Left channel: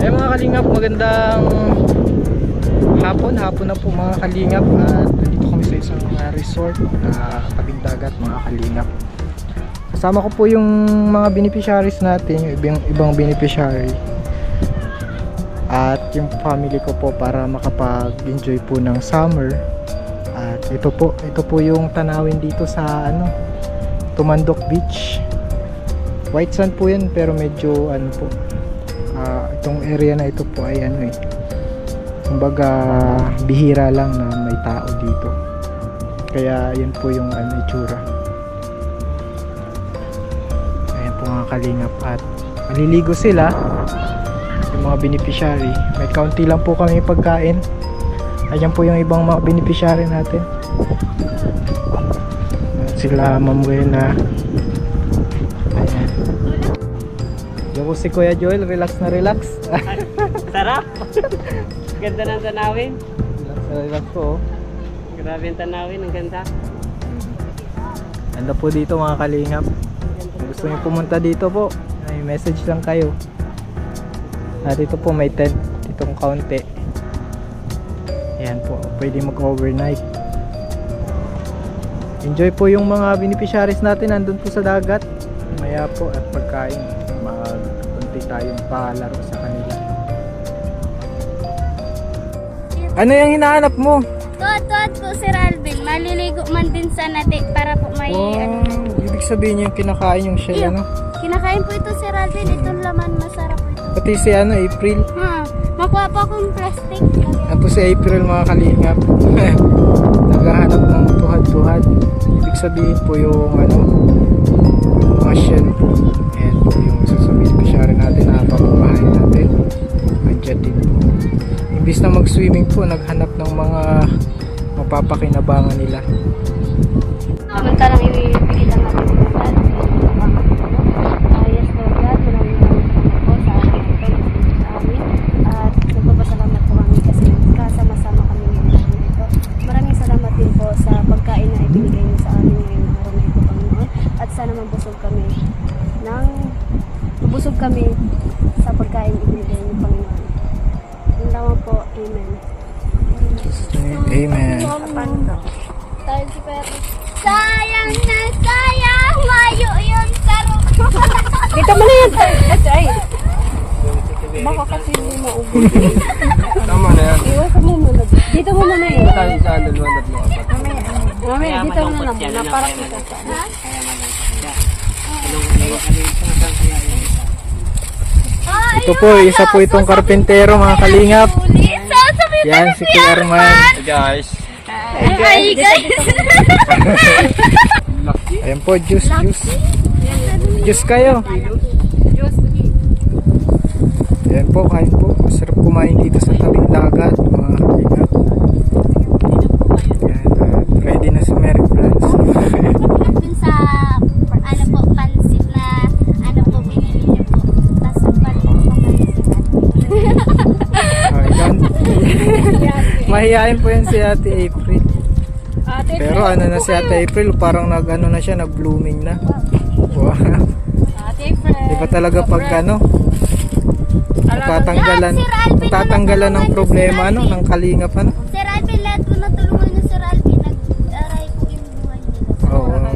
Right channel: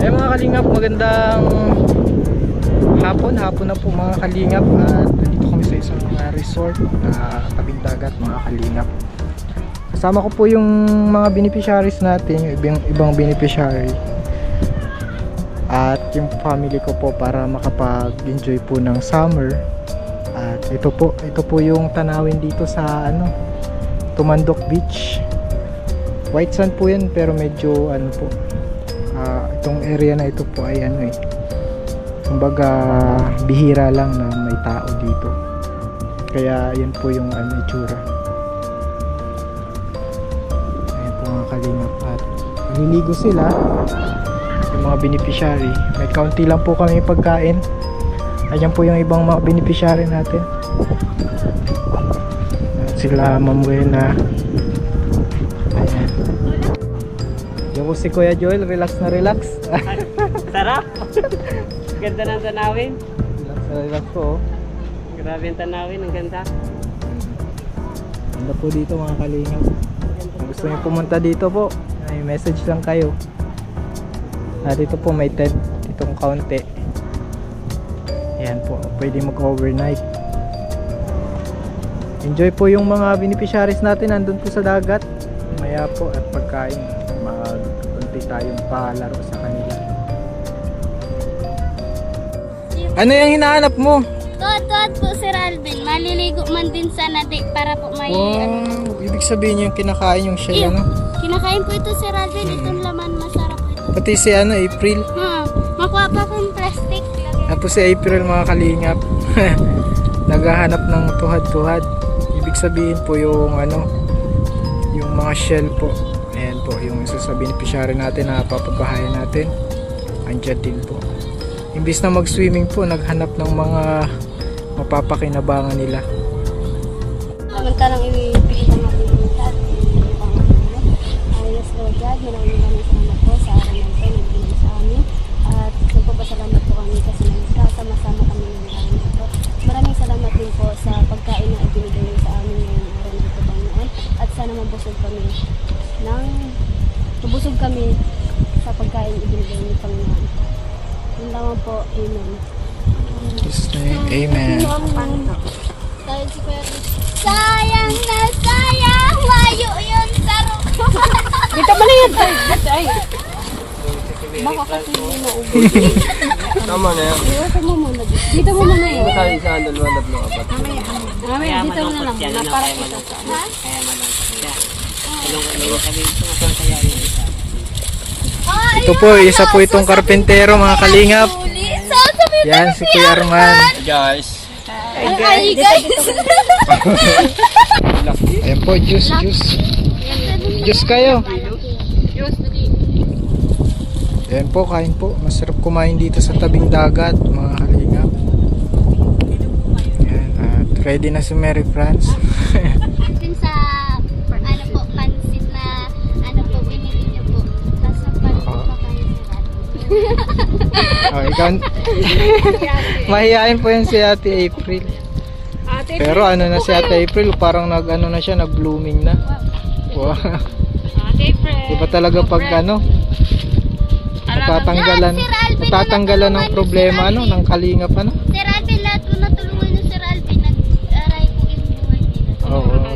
Mga kalingap, magandang hapon na po mga kalingap. At nandito kami sa isang resort na tabing dagat mga kalingap. Kasama ko po yung mga beneficiaries natin, yung ibang beneficiary at yung family ko po para makapag-enjoy po ng summer. At ito po yung tanawin dito sa Tumandok Beach. White sand po yan pero medyo po, itong area na ito po ay kumbaga bihira lang na may tao dito, kaya yan po yung itsura. Ayan po mga kalingap, at maliligo sila yung mga beneficiary. May kaunti lang po kami pagkain. Ayan po yung ibang mga beneficiary natin. Ayan sila Ma'am Buena. Ayan. Yung po si Kuya Joel, relax na relax. Sarap! Ganda ng tanawin. Relax na relax po. Grabe ang tanawin, ang ganda. Ganda po dito mga kalingap. Kung gusto niyo pumunta dito po, may message lang kayo. At ito po may tent ditong kaunti. Ayan po, pwede mag-overnight. Enjoy po yung mga beneficiaries natin nandun po sa dagat. Maya po at pagkain, magpunti tayong palaro sa kanila. Ano yung hinahanap mo? Tuwad po Sir Alvin, maliligo man din sa nadi para po may Wow, ibig sabihin yung kinakain yung shell, Kinakain po ito Sir Alvin, itong laman masarap ito. Pati si April. Makuha pa akong plastic. Yan po si April mga kalingap. Naghahanap ng tuhad-tuhad. Ibig sabihin po yung yung mga shell po. Ayan po yung isa sa beneficiary natin na papabahayan natin. Andyan din po. Imbis na mag-swimming po, naghanap ng mga mapapakinabangan nila. Samantalang ibigay lang natin ng lahat. Yes Lord God, maraming salamat po sa araw na ito, nagbigay sa amin. At nagpapasalamat po kami kasi kasama-sama kami ngayong araw na ito. Maraming salamat din po sa pagkain na ibinigay niyo sa amin ngayong araw na ito, Panginoon. At sana mabusog kami sa pagkain ibinigay niyo, Panginoon. Yun lamang po, Amen. Jesus name, Amen. Sayang na sayang, layo yung saro. Dito mo na yun! Ay! Baka kasi hindi maubos. Tama na yan. Iwasan mo muna. Dito mo muna yun. Tayo sa dalawa apat. Mamaya, dito mo na lang muna para kita sa Ito po, isa po itong karpentero mga kalingap. Yan, si Kuya Arman. Hey guys. Ay guys. Ayan po, juice. Juice kayo. Ayan po, kain po. Masarap kumain dito sa tabing dagat mga kalingap. Ayan, at ready na si Mary France. Din sa pansit na binili niyo po. Tapos Oh, ikaw. Mahihain po yan si Ate April. Pero na si Ate April, parang nag-blooming na. Wow. Iba talaga pag natatanggalan ng problema ng kalingap Sir Alvin, lahat po natulungan niyo Sir Alvin, nag-aray po yung buhay nila. Oo,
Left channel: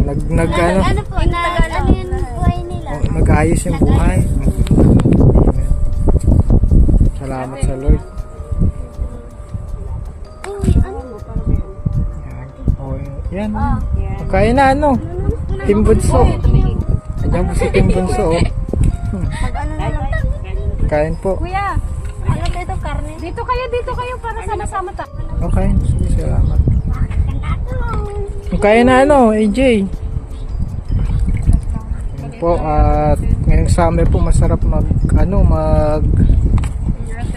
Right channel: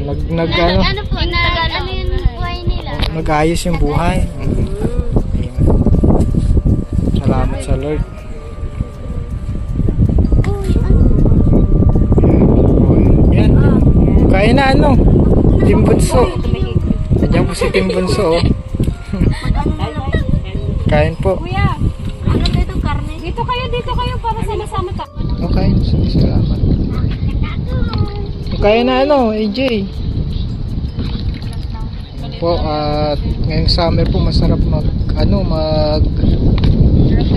yung buhay nila. nag-ayos yung buhay. Salamat sa Lord. Yan. Kaya na Tim Bunso. Nandiyan po si Tim Bunso. Kain po. Kuya, dito karne? Dito kayo para sama-sama ta. Okay, sige, salamat. Kaya na AJ. Yan po, at ngayong summer po masarap mag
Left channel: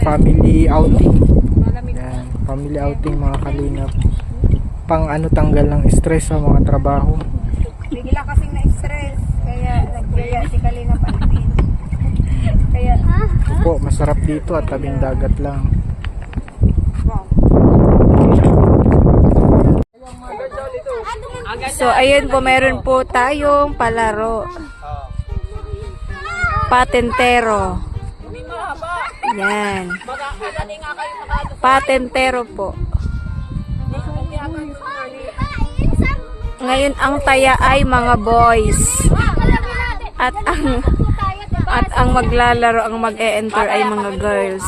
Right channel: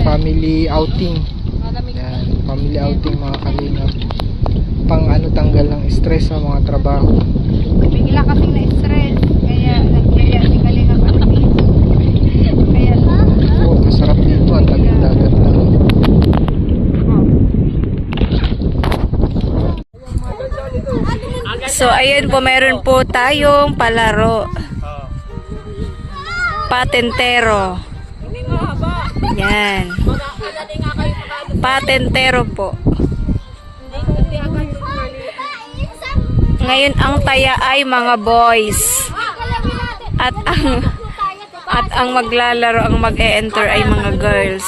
family outing. Yan, family outing mga kalingap. Pang tanggal ng stress sa mga trabaho. Bigla kasing na-stress. Kaya nagyaya si Kalingap. Kaya Po, masarap dito, ang tabing dagat lang. So ayun po, meron po tayong palaro. Patentero. Yan. Patentero po. Ngayon ang taya ay mga boys. At ang maglalaro, ang mag-e-enter ay mga girls.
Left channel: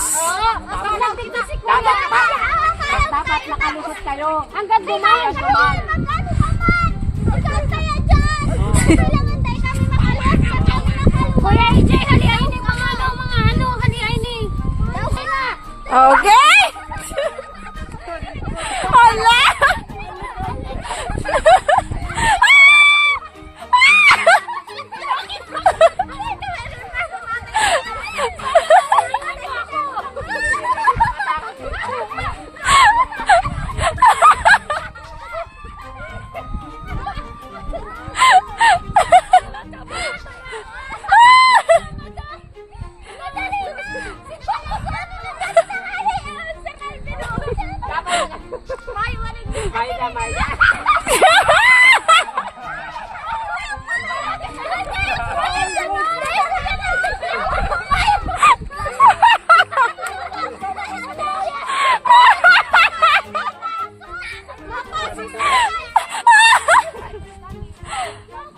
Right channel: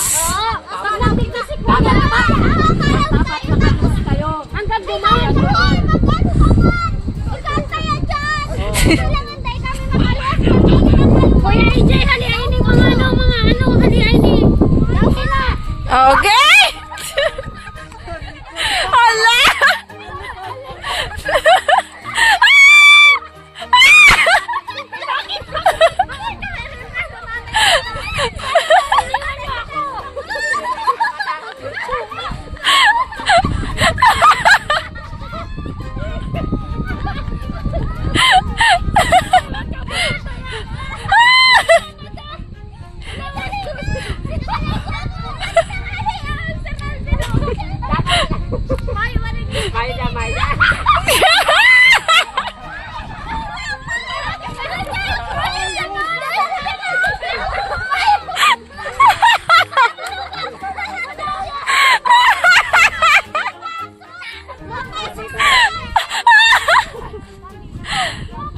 Dapat makalunod kayo. Hanggang dumayo doon. Kuya AJ, halihain yung mga halihain eh. Okay? Hala!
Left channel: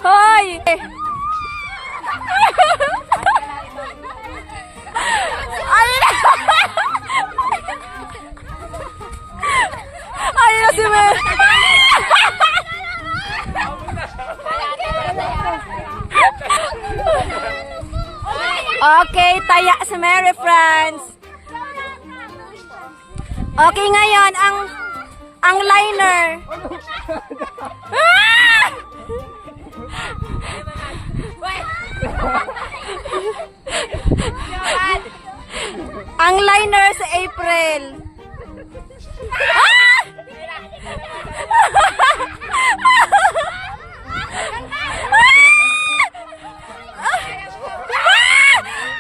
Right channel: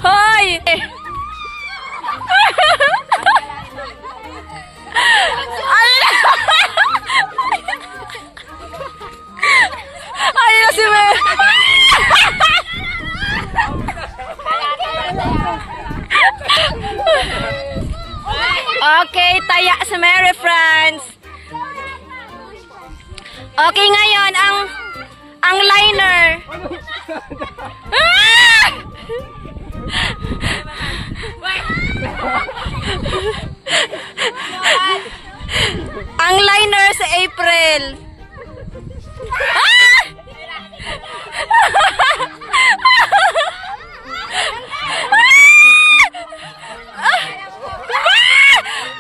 Hoy! Ay na si Mary. Okay, taya si Mary friends. Okay, ngayon ang liner. Ah! Ang liner sa April. Ah!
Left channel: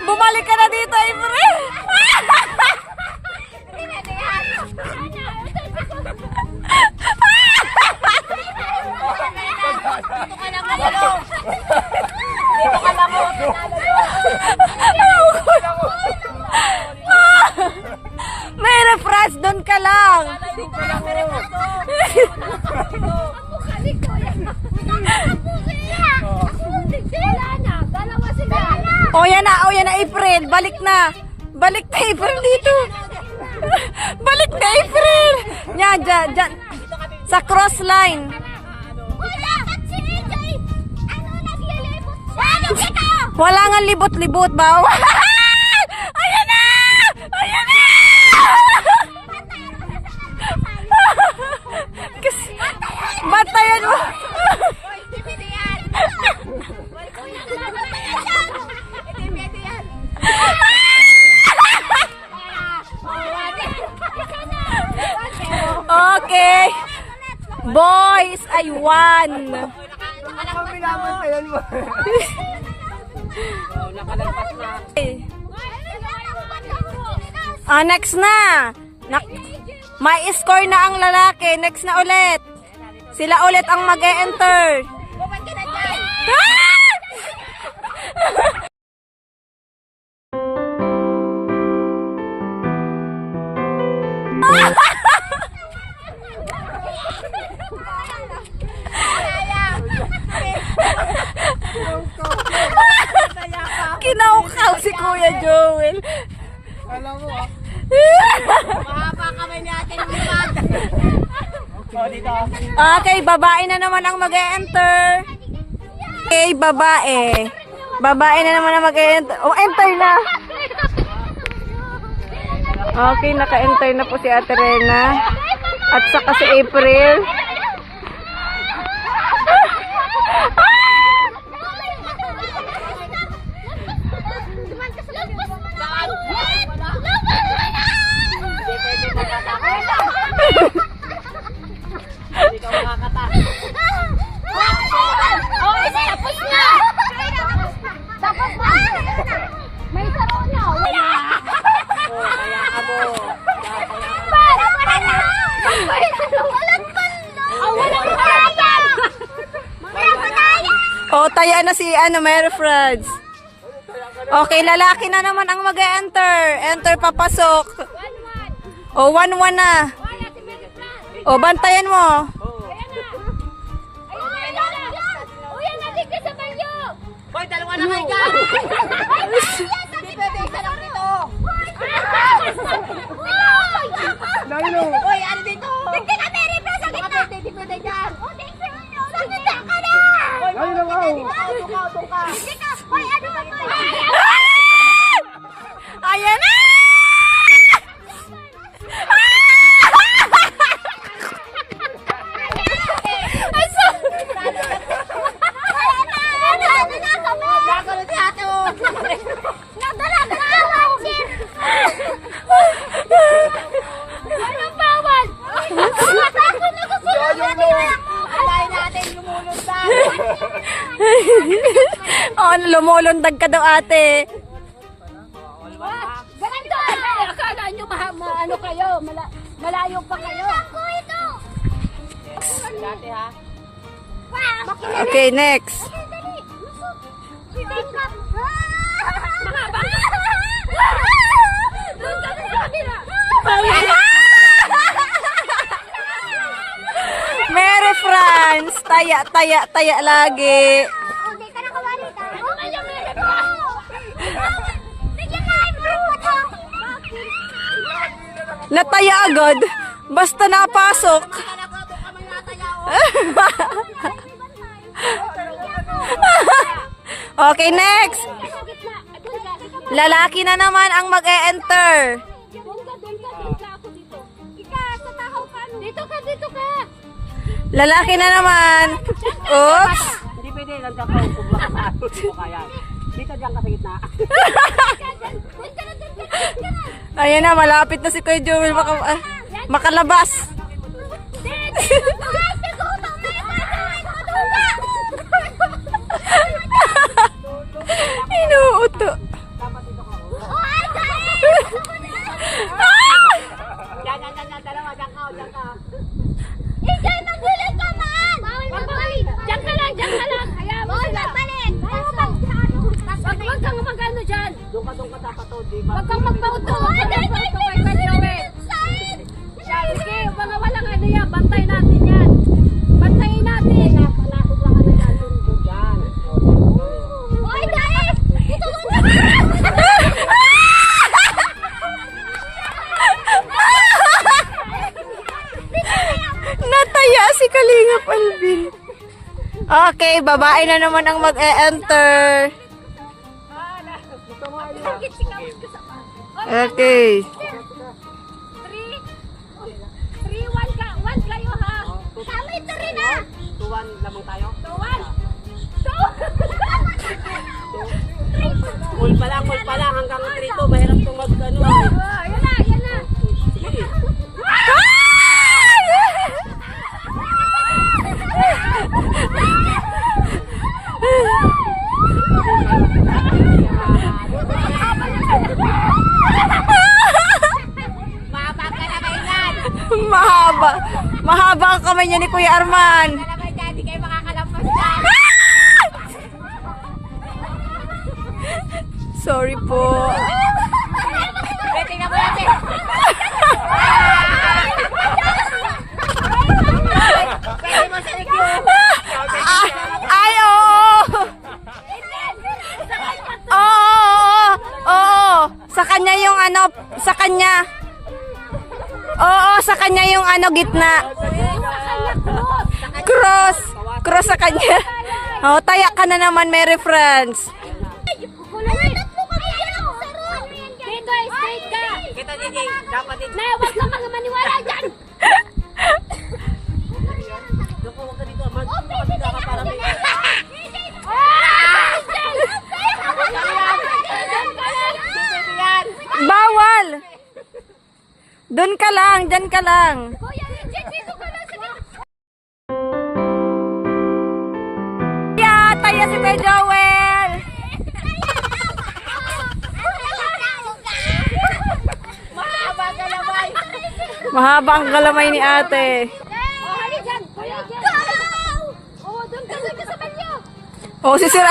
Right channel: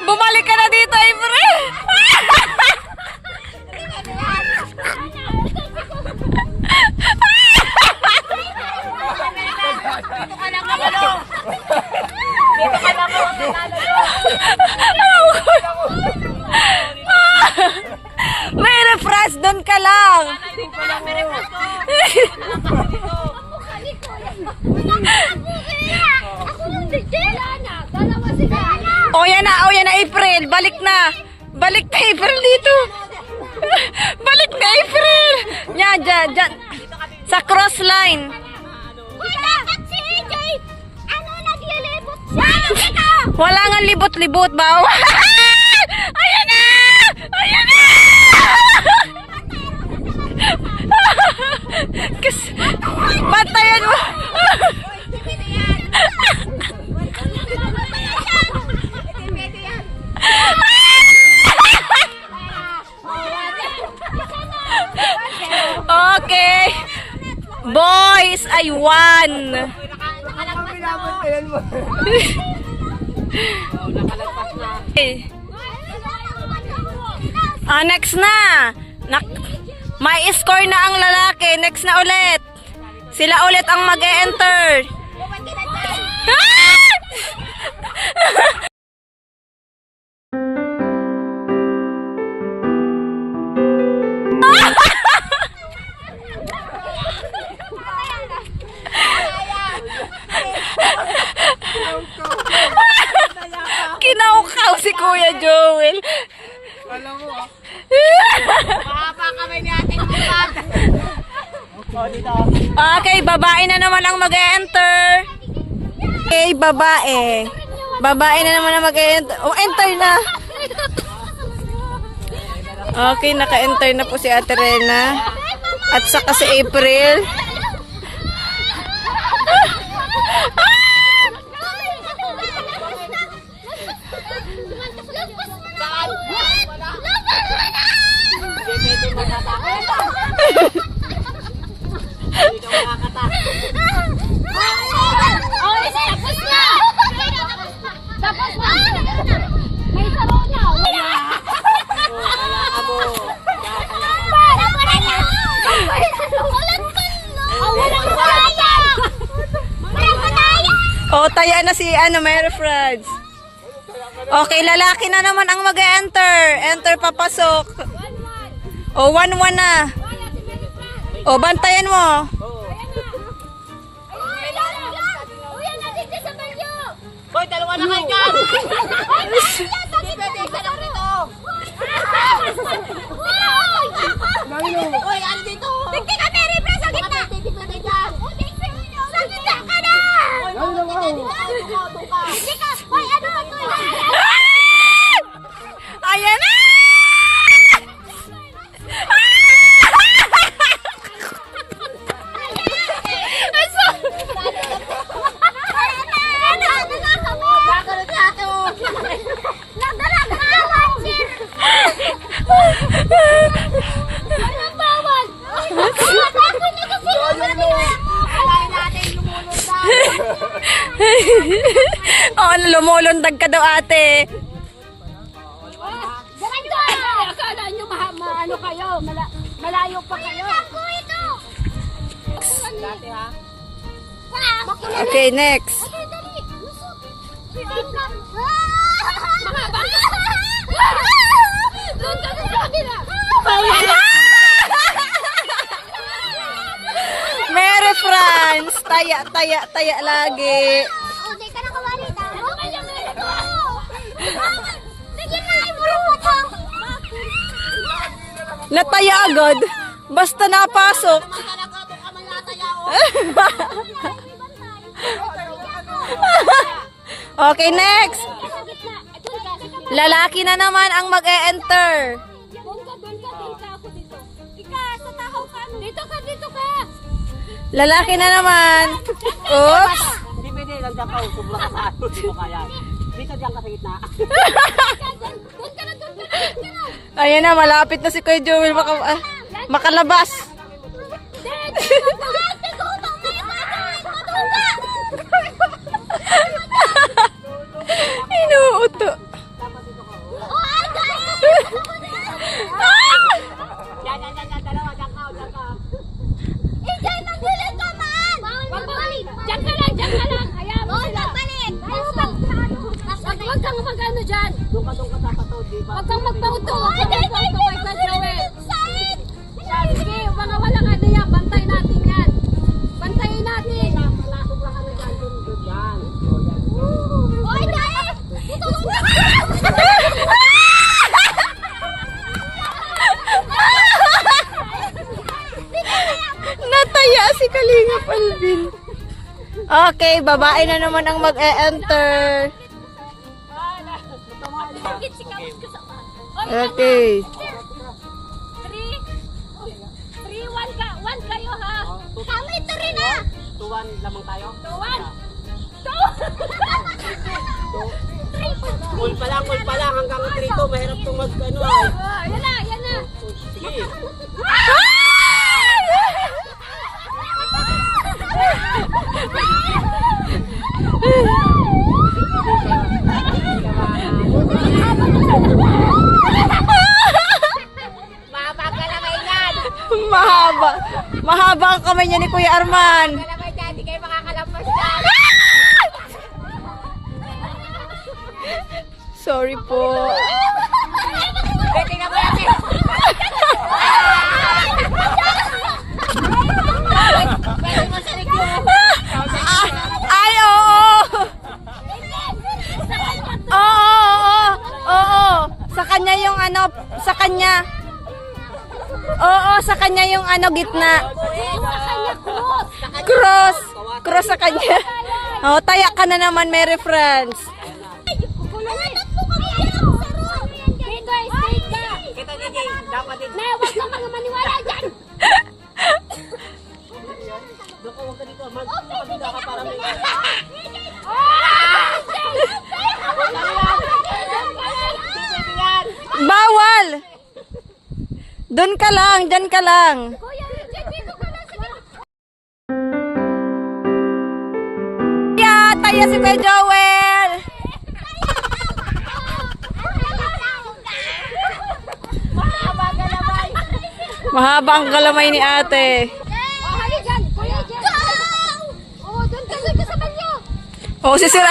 Bumalik ka na dito, April. May refresh, doon ka lang. O yan na April, balik na. Balik na April dito. Balik na April. Yan, dyan. Sa cross line. Wala nga libot-libot ba? Ayan na! Ayan na! Batayan mo! Okay. Boys ay 1. Next na. May score na ang lalaki. Next na ulit. Sila ulit ang mag-e-enter. Kinaukaw si Kuya Joel. Okay, babae na naman ang mag-e-enter. Okay, babae. Babae na naman ang mag-e-enter. Oh, enter na. Okay, naka-enter na po si Ate Rena. At saka si April. Oh, isa tapos na. Tapos na. May saro na. Wala. Walang panda. Walang panda. Walang panda. Oh, taya na si Mary Franz. Okay, lalaki na naman ang mag-enter. Enter, papasok. O, 1-1 na. O, bantayan mo. Hoy, dalawa na kayo dyan! Hoy, ano dito? Tingin ka, Terry, sa gitna! Pwede dyan! Sa gitna ka na! Hoy, doon ka! Hoy, ano naman? Ayan na! Oh, lumulundag ka daw, ate. Akala nyo ano kayo? Malayo pa kayo. Okay, next. Mary France, taya lagi. Nataya agad. Basta napasok. Okay, next. Lalaki na naman ang mag-e-enter. Lalaki na naman. Oops. Hindi pwede, nandiyan ka. Kung makapasok, hindi mo kaya. Dito dyan ka sa gitna. Ayan na, malapit na si Kuya Joel makalabas. Inuuto. Yan, dalawa, dyan ka. Hayaan mo sila. Huwag kang mag-ano dyan. Doon ka takatod, di ba? Huwag kang magpauto. Huwag kang magpauto kay Kuya Joel. Sige, mga walang ano yan. Bantay natin yan. Bantayin natin. Nataya si Kalingap Alvin. Okay, babae na naman ang mag-e-enter. Okay. 3, 1 kayo ha. Tama ito rin ha. 2-1 lamang tayo. 2-1. Full pa lang hanggang 3-2. Mahirap itong mag-ano. Yan na. Sige. Mahaba ang kamay niya ni Kuya Arman. Sorry po. Ay, oo. Oo. Sa kanya yung ano, sa kanya. Oo, sa kanya yung ano, gitna. Cross sa kanya. Oh, taya ka na naman, Mary France. Kita gigi, dapat din. Na, wag ka mga maniwala dyan. Doko, wag ka dito. Magkakabida ka para may... Bawal! Doon ka lang, dyan ka lang. Taya si Kuya Joel. Mahaba ang galamay ni ate. Oh, sisira.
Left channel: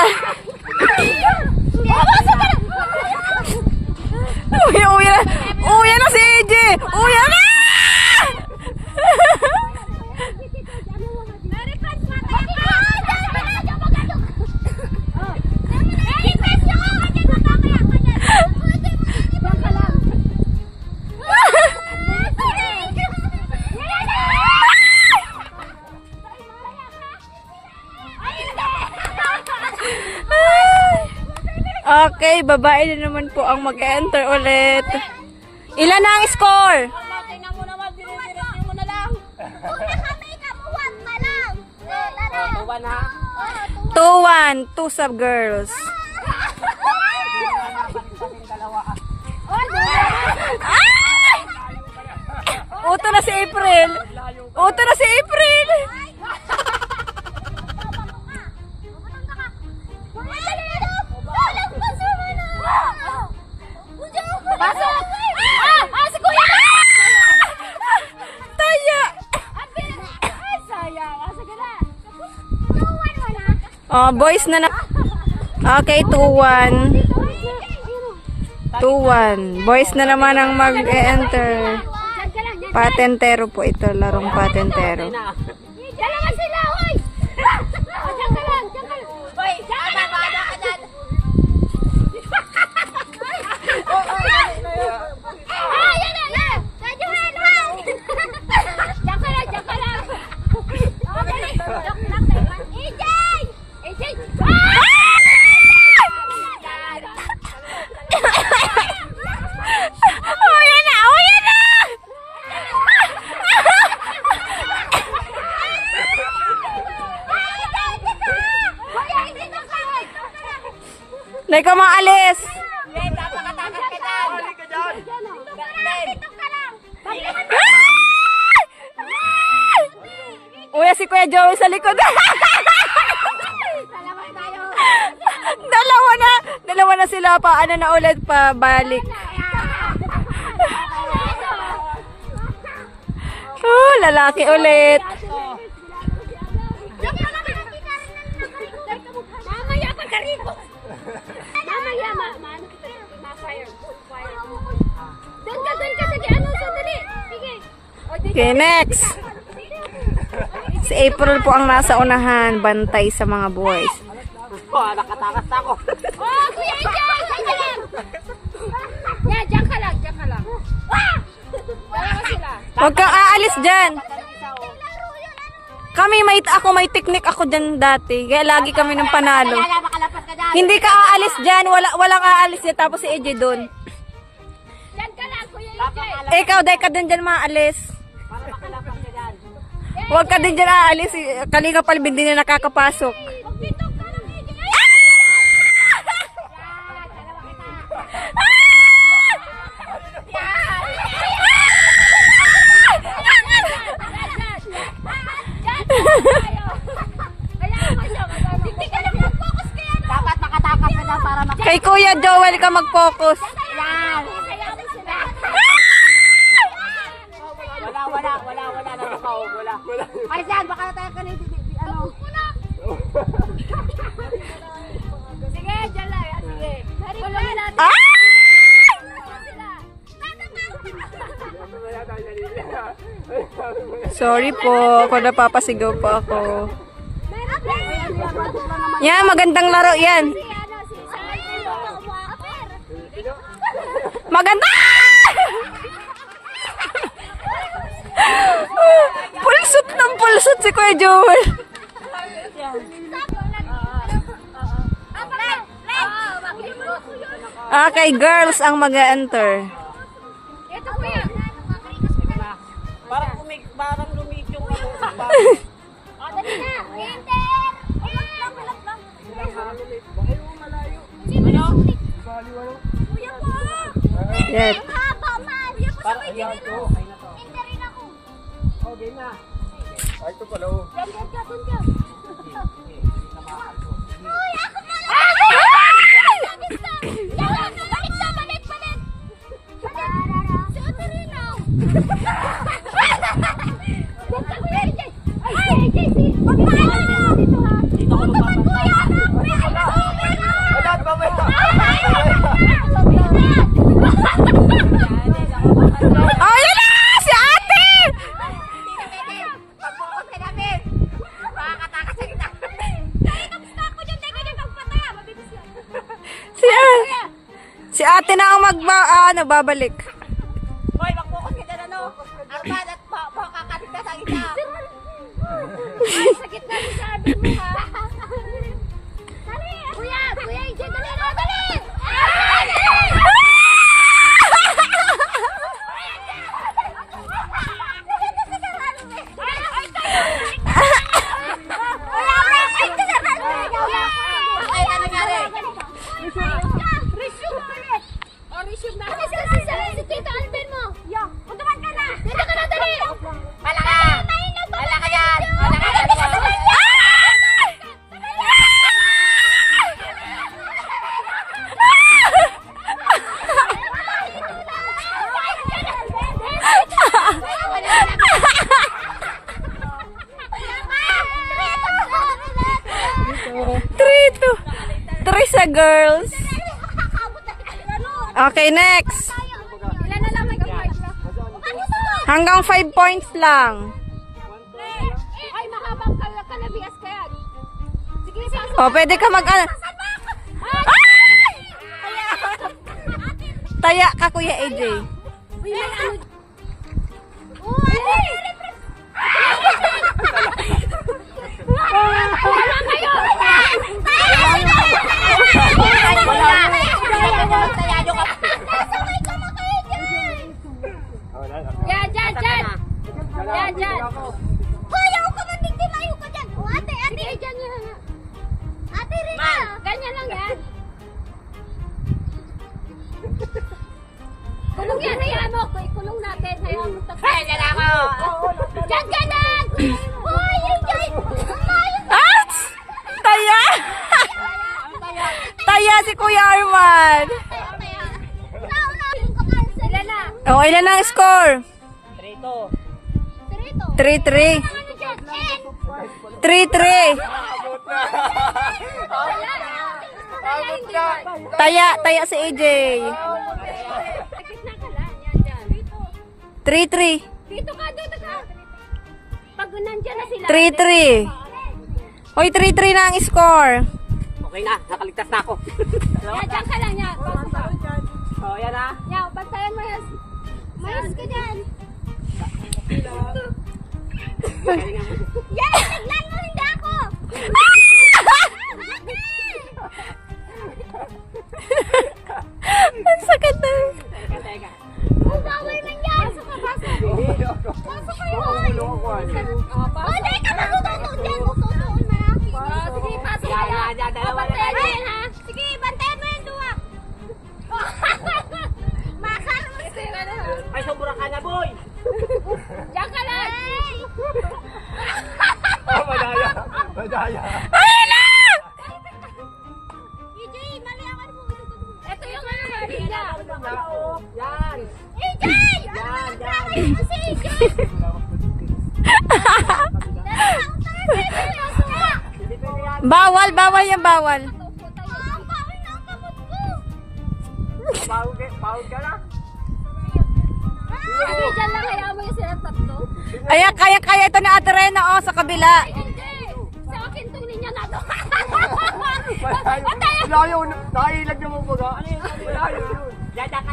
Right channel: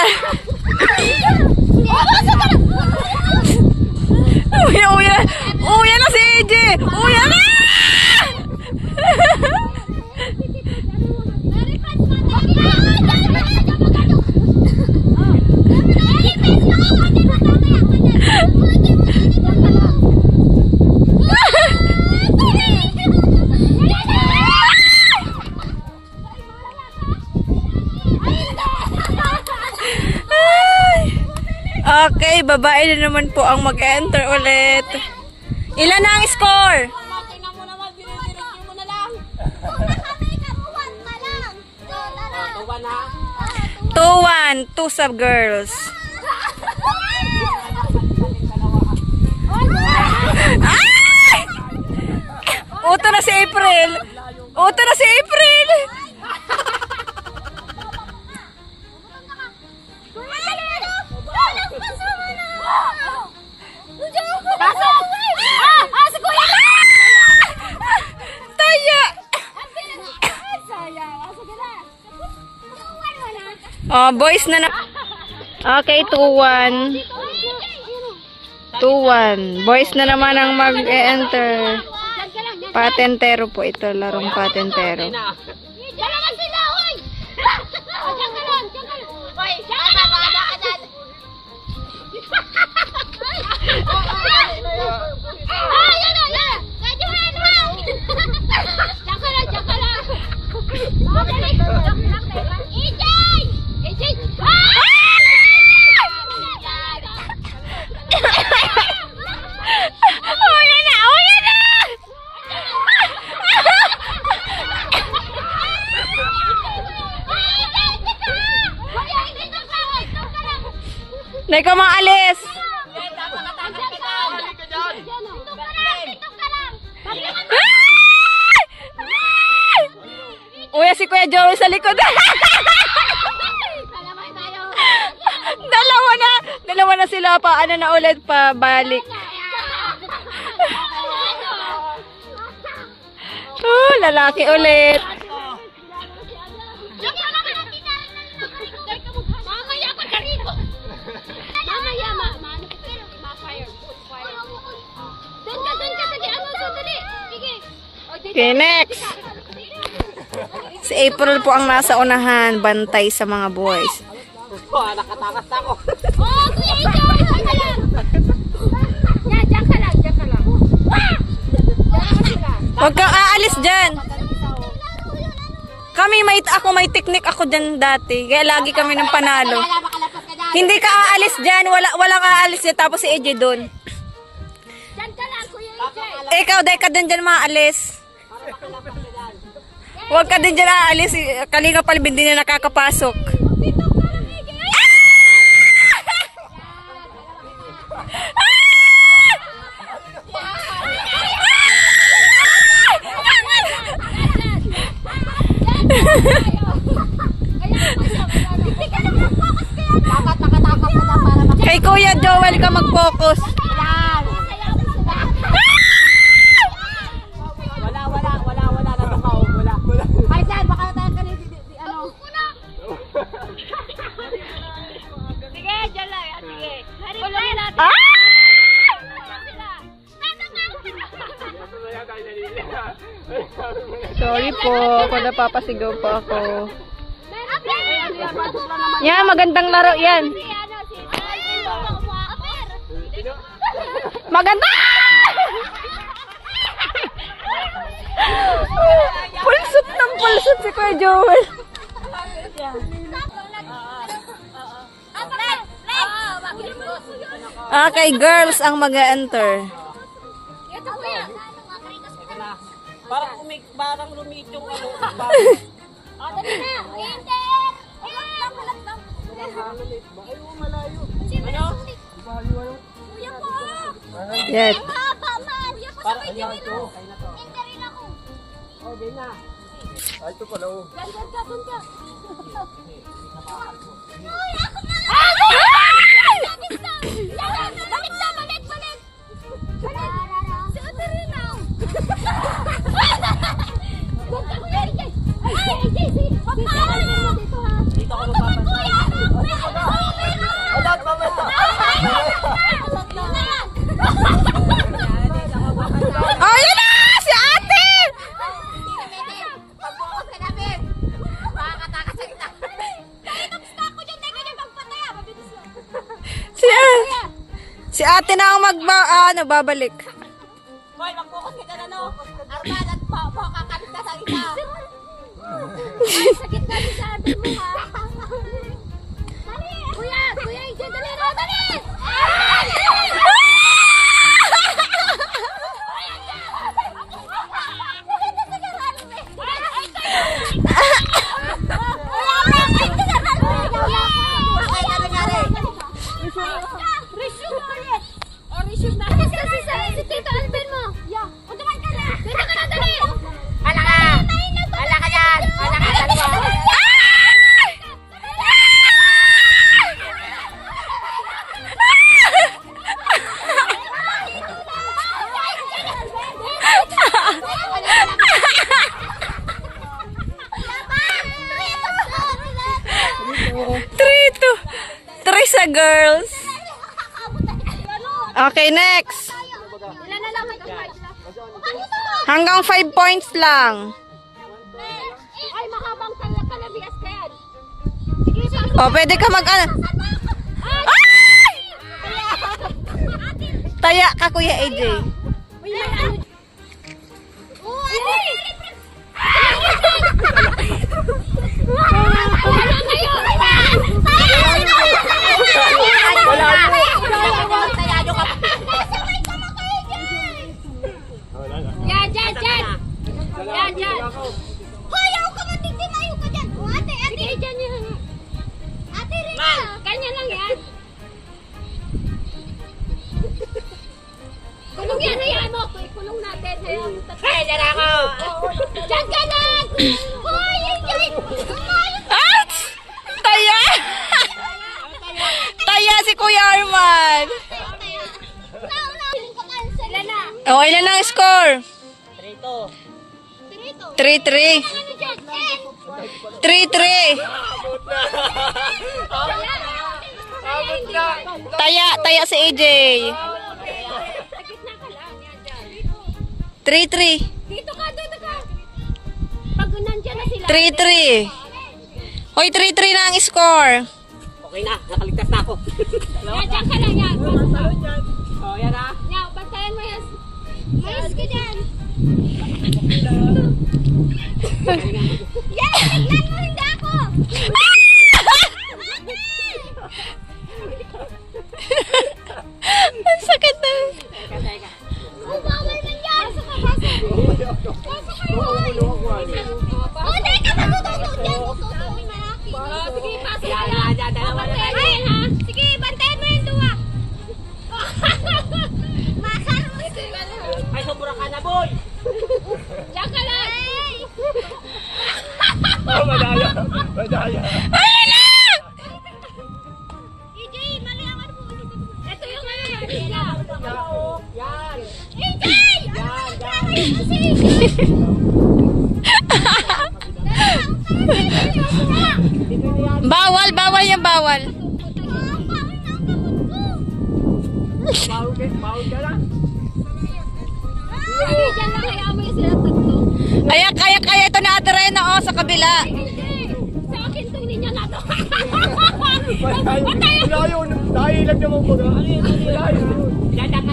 Uwi na si AJ! Uwi na! Okay, babae na naman po ang mag-enter ulit. Ilan na ang score? Tingnan mo naman, dinidiretso mo na lang. 2-1, 2 sub girls. Ay! Uto na si April. Uto na si April. Taya. Oh, boys na na. Okay, 2-1. 2-1. Boys na naman ang mag-enter. Patentero po ito, larong patentero. Dalawa sila, hoy! Diyan ka lang, diyan ka lang. Hoy, diyan ka lang, wala ka dyan. Ah, yan na, yan! Radyohan, ha! Diyan ka lang, diyan ka lang. Oh, dali. EJ! EJ! Ah! Oh, yan na! Oh, yan na! Nay ka maalis. Uy, si Kuya Joey sa likod. Dalawa na sila pa. Ano na ulit pa balik. Oh, lalaki ulit. Okay, next. Si April po ang nasa unahan, bantay sa mga boys. Nakatakas ako. Oh, Kuya Ijan! Diyan ka lang! Yan, diyan ka lang, diyan ka lang. Huwag kang aalis dyan. Ako may technique ako dyan dati. Kaya lagi kami ng panalo. Makalapas ka dyan. Hindi ka aalis dyan. Walang aalis dyan. Tapos si AJ doon. Diyan ka lang, Kuya Ijan. Ikaw, dahil ka din dyan maalis. Huwag ka din dyan aalis. Kalinga Palbin din na nakakapasok. Dapat makatakas ka na para Kay Kuya Joel ka mag-focus. Wala na lukaw, wala. Ay, dyan, baka na tayo kanil, ano. Sige, dyan lang, sige. Pulungin natin. Ah! Sorry po, ako napapasigaw pa ako. Yan, magandang laro yan. Maganda! Pulsot ng pulsot si Kuya Joel. Okay, girls ang mag-enter. Ito, kuya. Parang lumit yung ano. O, dali na. Enter! Halap lang. Kuya po! Yes. Haba, ma! Kuya po, sabay din nila. Enterin ako. Okay na. Ay, ito pala oh. Diyan ka. Uy, ako na lang! Balik na! Balik! Si Uterina! Diyan ka, Kuya AJ! Ay, AJ! Magpaano na! Tutuman, Kuya! Anak! May ano! Meron! Anak, mamaya! Ay! Oh, yun na! Si ate! Pag-focus ka namin. Makakatakas sa kita. Stop ko dyan, teka dyan, pagpataya. Mabilis yun. Si ate na ang babalik. Hoy, mag-focus ka dyan, ano? Arman at kakapit ka sa kita. Ay, sakit na si sabi mo, ha? Dali! Kuya! Kuya, Ije, dali na! Dali! Resume na. Si Tito Alvin mo. Yo, utuman ka na. Dito ka na, dali. Wala ka. Wala ka yan. Wala ka yan. Three sa girls. Okay, next. Ilan na lang may kapatid lang. Hanggang 5 points lang. Ay, mahabang kalabias ka yan. Sige, sige. O, pwede ka mag-ano. Taya ka, Kuya AJ. Wala kayo! Yan, dyan, dyan! Yan, dyan! Hoy, ako ka man din, ayaw ka dyan! O, ate, ate! Sige, dyan yan! Ate, Rina! Ganyan lang yan! Kulong yan, hayaan mo! Kulong natin, hayaan mo! Hey, dyan ako! Dyan ka na! Hoy, dyan! Ouch! Taya! Taya si Kuya Arman. Ilan na? O, ilan ang score? 3-2. 3-3. 3-3. Taya si AJ. 3-3. Dito ka, dito ka. Pag nandiyan na sila. 3-3. Hoy, 3-3 na ang score. Okay na, nakaligtas na ako. Yan, dyan ka lang yan. Oh, yan ah. Yan, bantayan mo yan. Mayos ka dyan. Yan, tignan mo, hindi ako. Ang sakit na. Bawal na yan. Pasok ka, pasok. Pasok ka, hoy. Oh, di ka magututo dyan. Gututo, uy, malaki. Sige, pasok ka. Yan, dalawa na tayo. Ay, ha? Sige, bantayan mo yung duwa. Makar mo ito. Ay, sobra ka na, boy! Diyan ka lang. Ayun na! EJ, mali ang ano mo. Ito yung ano. Yan! EJ! Yan, yan! Si EJ! Bawal yung bawal. Bawal ka lang. Sige, dyan lang kaya mo yung sila tatlo. Kaya ito na Ate Rena, oh, sa kabila. Hindi. Sa akin itong linya na to. Layo, nahilag naman baga. Daka.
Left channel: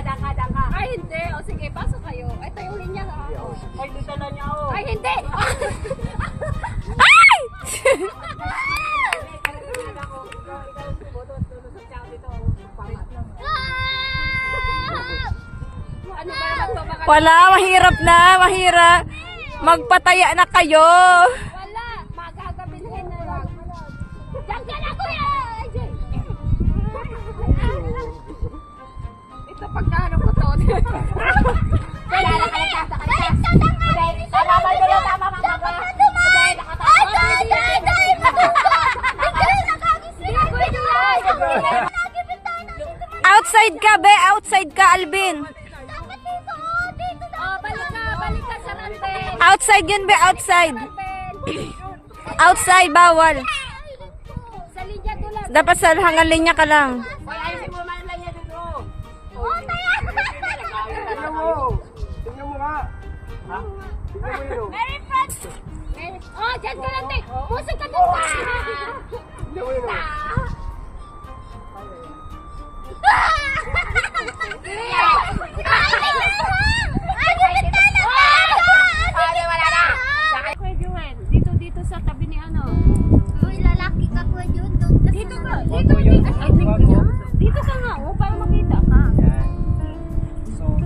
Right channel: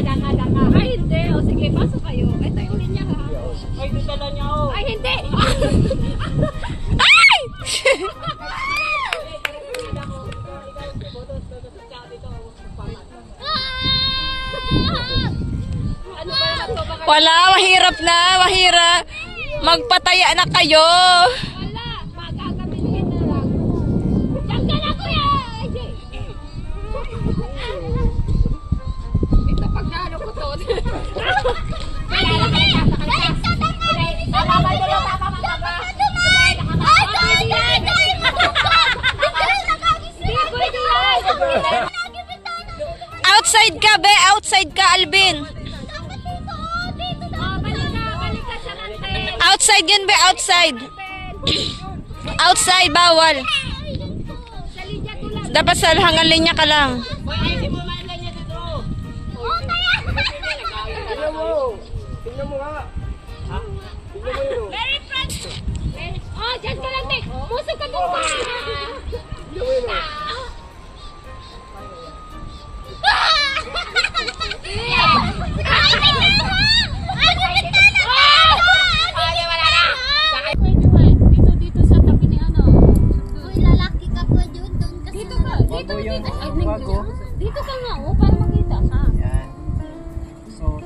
Ay, hindi. O sige, pasok kayo. Ito yung linya ha. Ay, dala niya ako. Ay, hindi. Ay! Ano ba? Wala, mahirap na, mahirap. Magpataya na kayo. Wala. Magagamin ka na lang. Diyan ka na, kuya. Ito pagkano ko to. Wala lang. Baliktad ang amin. Tama ba dito? Tama ba? Ay, dahil. Outside ka, be. Outside ka, Alvin. Balik ka sa nante. Outside yun, be. Outside. Outside, bawal. Sa linya to lang. Dapat sa hangan linya ka lang. Ay, ayusin mo man lang niya dito. Oh, kaya.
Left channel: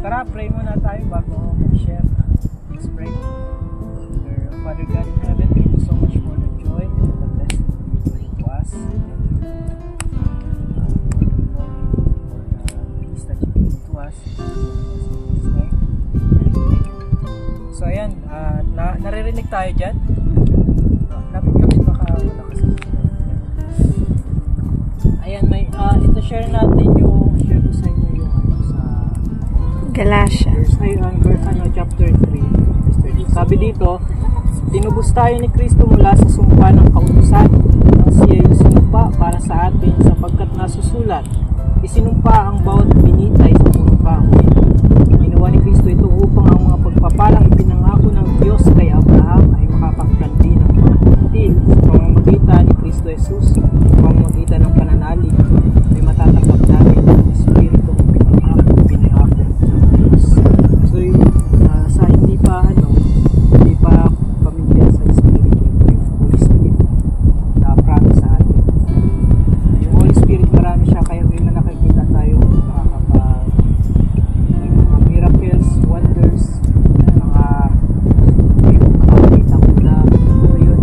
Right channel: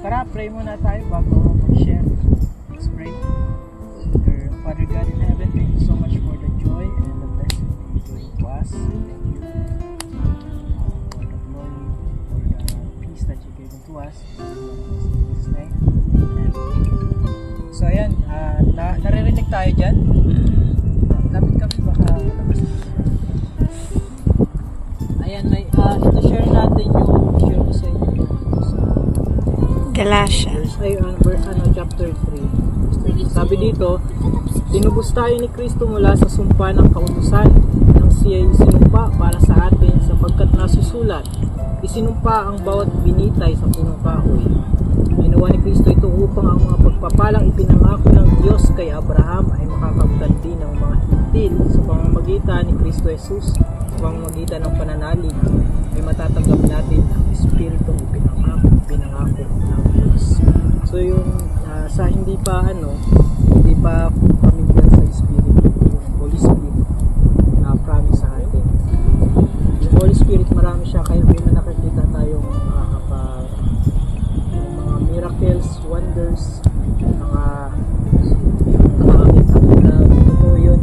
tara, pray muna tayo bago mag-share. Let's pray. Dear Father God in heaven, thank you so much for the joy and the blessing you gave to us. Thank you for the glory, for the peace that you gave to us. In Jesus' name. And thank you. So ayan, naririnig tayo dyan. Kapit-kapit baka wala kasi. Ayan, ito share natin yung share ko sa inyo yung sa Galatians. chapter 3 verse 30. Sabi dito, tinubos tayo ni Kristo mula sa sumpa ng kautusan nang siya ay sinumpa para sa atin sapagkat nasusulat, isinumpa ang bawat binitay sa punong kahoy. Ginawa ni Kristo ito upang ang mga pagpapalang ipinangako ng Diyos kay Abraham ay makapagganti ng mga hintil sa pamamagitan ni Kristo Jesus, sa pamamagitan ng pananalig ay matatanggap natin ang Espiritu ng pinangako ng Diyos. So yung sa hindi pa pamilya sa Espiritu, yung Holy Spirit na promise sa atin. Yung Holy Spirit marami siya, kaya may nakakita tayo kapag may mga miracles, wonders, mga nakakita ko na ito yun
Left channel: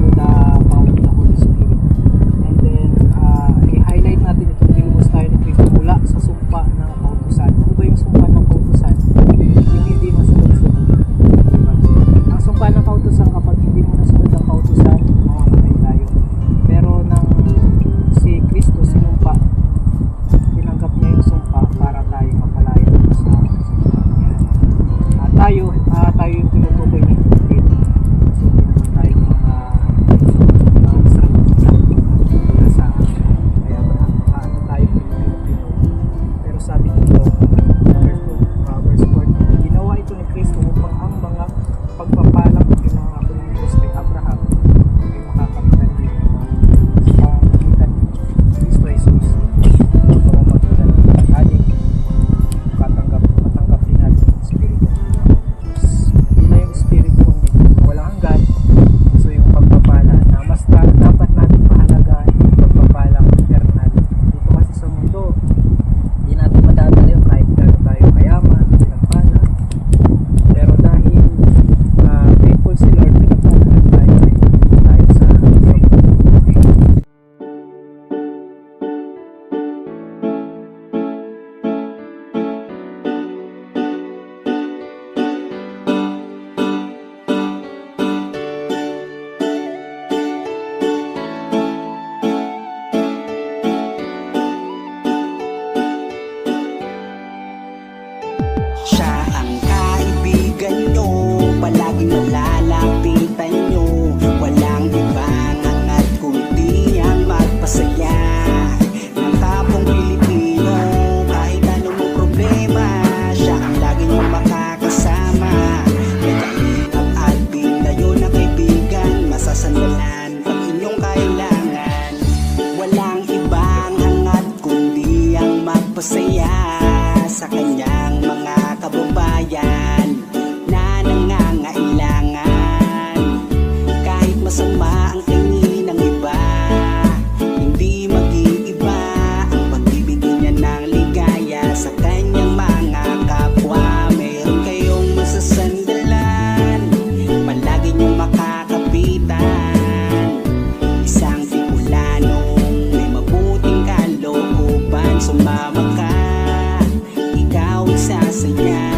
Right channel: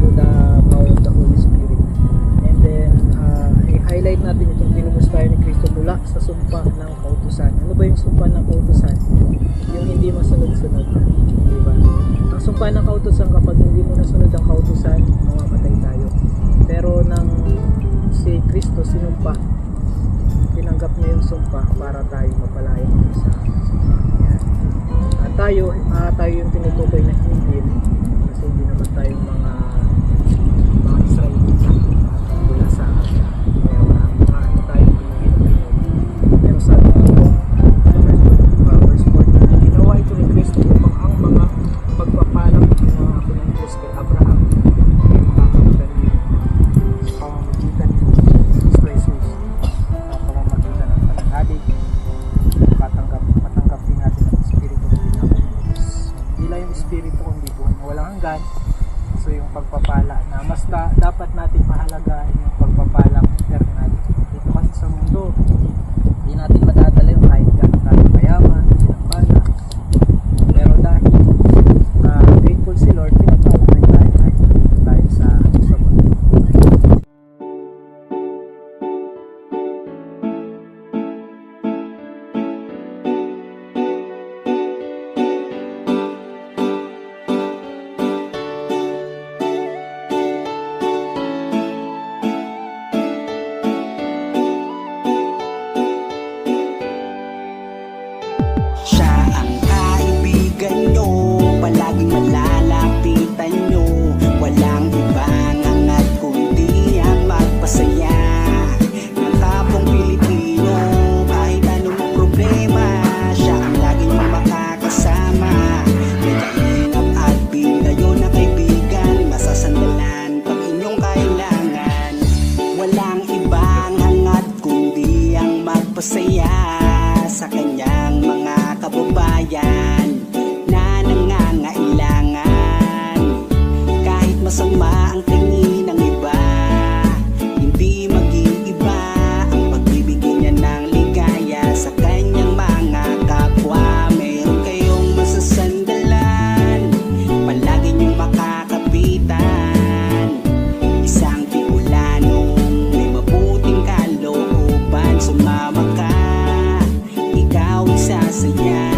through the power of the Holy Spirit. And then i-highlight natin itong tinubos tayo ni Kristo mula sa sumpa ng kautusan. Ano ba yung sumpa ng kautusan? Yung hindi masunod-sunod, diba? Ang sumpa ng kautusan, kapag hindi mo nasunod ang kautusan, mamamatay tayo. Pero nang si Kristo sinumpa, tinanggap niya yung sumpa para tayo mapalaya sa kanya. At tayo yung tinutukoy na hindi, kasi hindi naman tayo mga Israel sa kaya ano tayo Pinoy. Pero sabi dito verse 4, ginawa ito ni Kristo upang ang mga pagpapalang pinangako ng Diyos kay Abraham ay makakalitan din sa pamamagitan ng Kristo Jesus, sa pamamagitan ng panalig, matanggap din natin ang Espiritu ng Diyos. Hindi na yung Espiritu kundi walang hanggan. So yung pagpapala na mas dapat natin mahalaga yung pagpapalang gano'n natin dito kasi sa mundo. Hindi natin madadala yung kahit gano'n tayo mayaman, yung pala. Pero dahil thankful si Lord, pinagpapala tayo sa mundo. Siya ang kaibigan nyo, palaging malalapitan nyo. Walang ibang hangat kundi ang magpasaya ng kapong Pilipino. Kahit anong problema, siya ang lagi nyong makakasama. May kaingap Alvin, kayo na kaibigan, masasandalan pag inyong kailangan. Walang ibang hangat kundi ang magpasaya sa kanyang mga kababayan na nangangailangan. Kahit masama ang tingin ng iba, hindi mag-iiba ang pagbibigay niya ng ligaya sa kanyang mga kapwa. Meron kayong masasandalan, palagi niyong makakapitan. Isang Bicolanong may mabuting kalooban, sumama ka, ikaw isasaya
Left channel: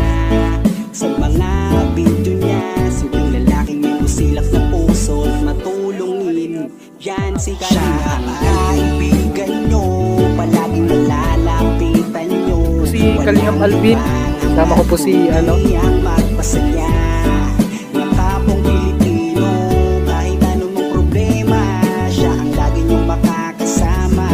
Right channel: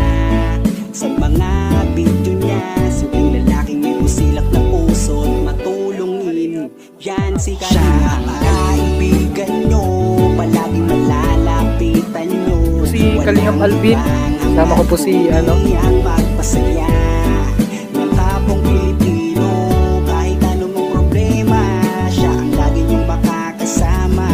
sa mga video niya. Simpleng lalaking may busilak na puso at matulungin, yan si Kalingap. Siya ang kaibigan nyo, palaging malalapitan nyo. Si Kalingap Alvin, kasama ko po si ang magpasaya ng kapong Pilipino. Kahit anong problema, siya ang lagi nyong makakasama.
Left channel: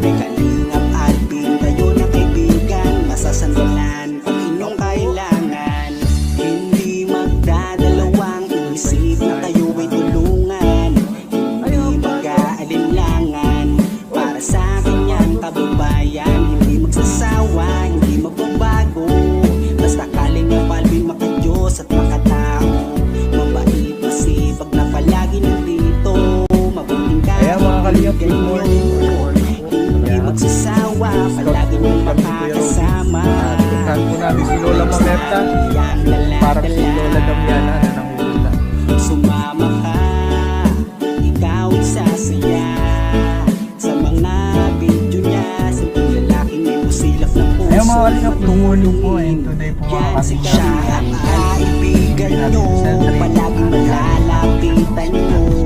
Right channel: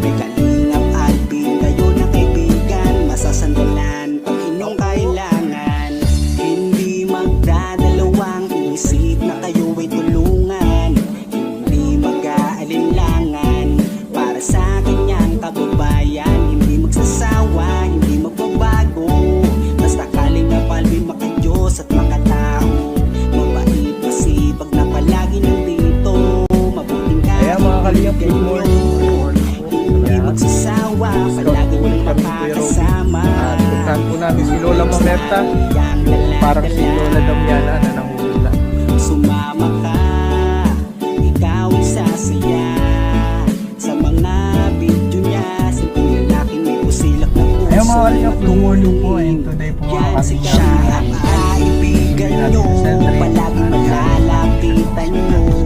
May Kalingap Alvin, kayo na kaibigan, masasandalan pag inyong kailangan. Hindi magdadalawang isip na kayo ay tulungan. Hindi mag-aalinlangan para sa kanyang kababayan. Hindi magsasawa, hindi magbabago. Basta Kalingap Alvin, maka-Diyos at makatao. Mabait, masipag na palagi nandito. Mabuting Kaya mga Kalingap, good morning. Hindi magsasawa, palagi niyong makakasama. Puntahan po natin namin si Lola Mamerta. Parang si Lola Damiana na nanguhula. Sumama ka, ikaw ay sasaya sa mga video niya. Sa lalaking may pusilak na puso. Ayun mga kalingap, tumulong po. And today po mga Yan si kalingap, siya ang kaibigan nyo. Palagi malalapitan nyo.